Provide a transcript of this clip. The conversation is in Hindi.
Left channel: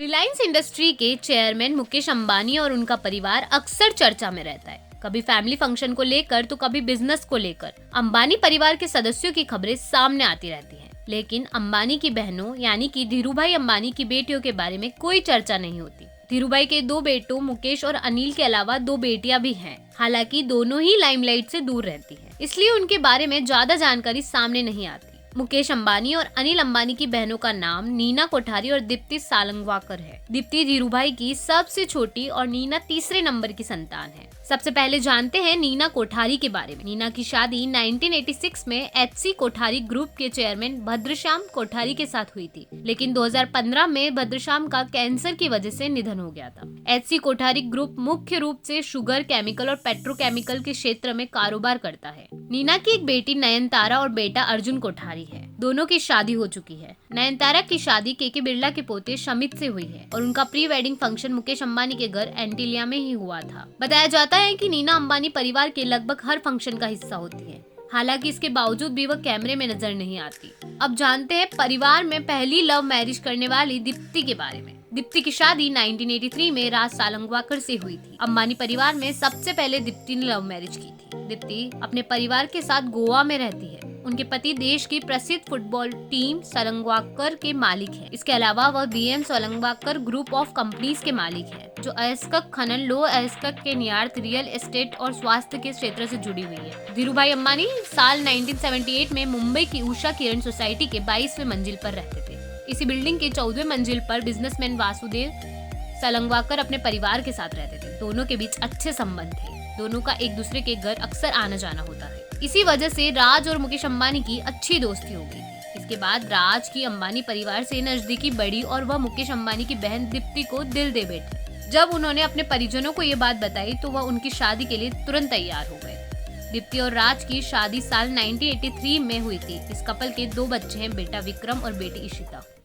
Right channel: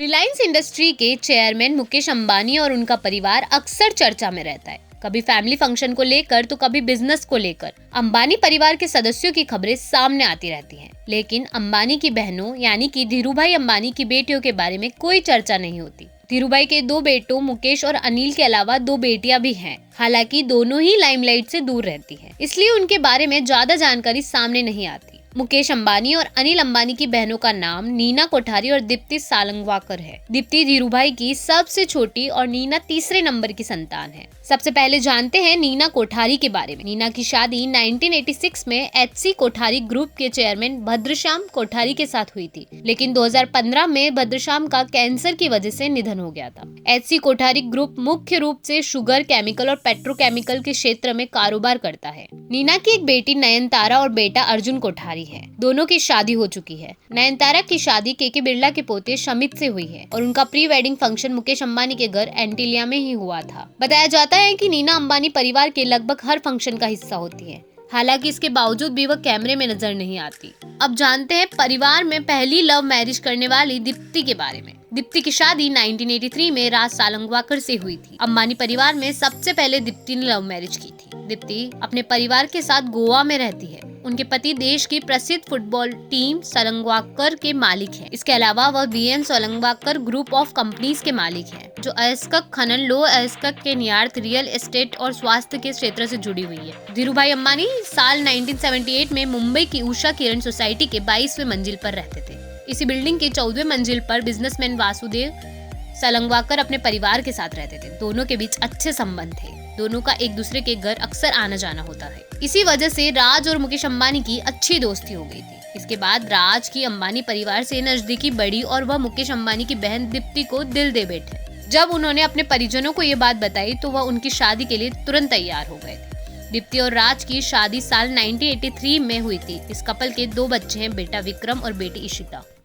रिलायंस इंडस्ट्री के चेयरमैन मुकेश अंबानी और उनका परिवार अक्सर चर्चा में रहता है, कभी फैमिली फंक्शन को लेकर तो कभी बिजनेस को लेकर। अंबानी परिवार के सदस्यों की खबरें सामने आती रहती हैं, लेकिन अंबानी की बहनों यानी कि धीरूभाई अंबानी की बेटियों के बारे में कोई चर्चा नहीं होती। धीरूभाई के दो बेटों मुकेश और अनिल के अलावा दो बेटियां भी हैं। हालांकि दोनों ही लाइमलाइट से दूर रहती हैं, इसलिए उनके बारे में ज्यादा जानकारी सामने नहीं आती। मुकेश अंबानी और अनिल अंबानी की बहनों का नाम नीना कोठारी और दीप्ति सालंगवाकर है। दीप्ति धीरूभाई की सबसे छोटी और नीना तीसरे नंबर की संतान है। सबसे पहले जानते हैं नीना कोठारी के बारे में। नीना की शादी 1986 में एचसी कोठारी ग्रुप के चेयरमैन भद्रश्याम कोठारी के साथ हुई थी, लेकिन 2015 में भद्रश्याम का कैंसर की वजह से निधन हो गया था। एचसी कोठारी ग्रुप मुख्य रूप से शुगर, केमिकल और पेट्रोकेमिकल के क्षेत्र में कारोबार करता है। नीना की एक बेटी नयनतारा और बेटा अर्जुन कोठारी है। दोनों की शादी हो चुकी है। नयनतारा की शादी केके बिरला के पोते शमित से हुई है और उनका pre wedding function Mukesh Ambani के घर एंटीलिया में ही हुआ था। बताया जाता है कि नीना अंबानी परिवार के लगभग हर फंक्शन का हिस्सा होती है। हालांकि इसके बावजूद भी वह कैमरे में नजर नहीं आती। अब जानते हैं परिवार में पहली लव मैरिज करने वाली दीप्ति के बारे में। दीप्ति की शादी 1983 में राज सालंगवाकर से हुई थी। अंबानी परिवार में सबसे पहले दीप्ति ने लव मैरिज की थी। दीप्ति अपने परिवार के साथ गोवा में रहती है। उनके पति देश की प्रसिद्ध फुटबॉल टीम सालंगवाकर के मालिक हैं। इसके अलावा वह बीएन सालंगवाकर ग्रुप ऑफ कंपनीज के मालिक हैं, जो अयस्कक खनन, लो अयस्कक के न्यार्थ, रियल एस्टेट और स्वास्थ्य के क्षेत्र से जुड़ी हुई है। धीरूभाई अंबानी साल 1978 में मुंबई की उषा किरण सोसाइटी के 22वें मंजिल पर रहते थे। इसी बिल्डिंग के 14वें मंजिल पर बिजनेसमैन वासुदेव सालंगवाकर अपने परिवार के साथ रहते थे। दोनों के बीच अच्छे संबंध थे। दोनों का एक दूसरे के घर अक्सर आना जाना होता है। इसी वजह से राज और मुकेश अंबानी की अच्छी दोस्ती हो गई थी। इसके बाद राज की अंबानी परिवार से नजदीकी बढ़ी और वह मुकेश अंबानी की बहन दीप्ति को दिल दे बैठे। जब उन्होंने अपने परिजनों को ये बात बताई तो वह उनकी शादी के लिए तुरंत तैयार हो गए। दीप्ति और राज की शादी साल 1983 में हुई थी। इस कपल के दो बच्चे हैं, बेटा विक्रम और बेटी इशिता।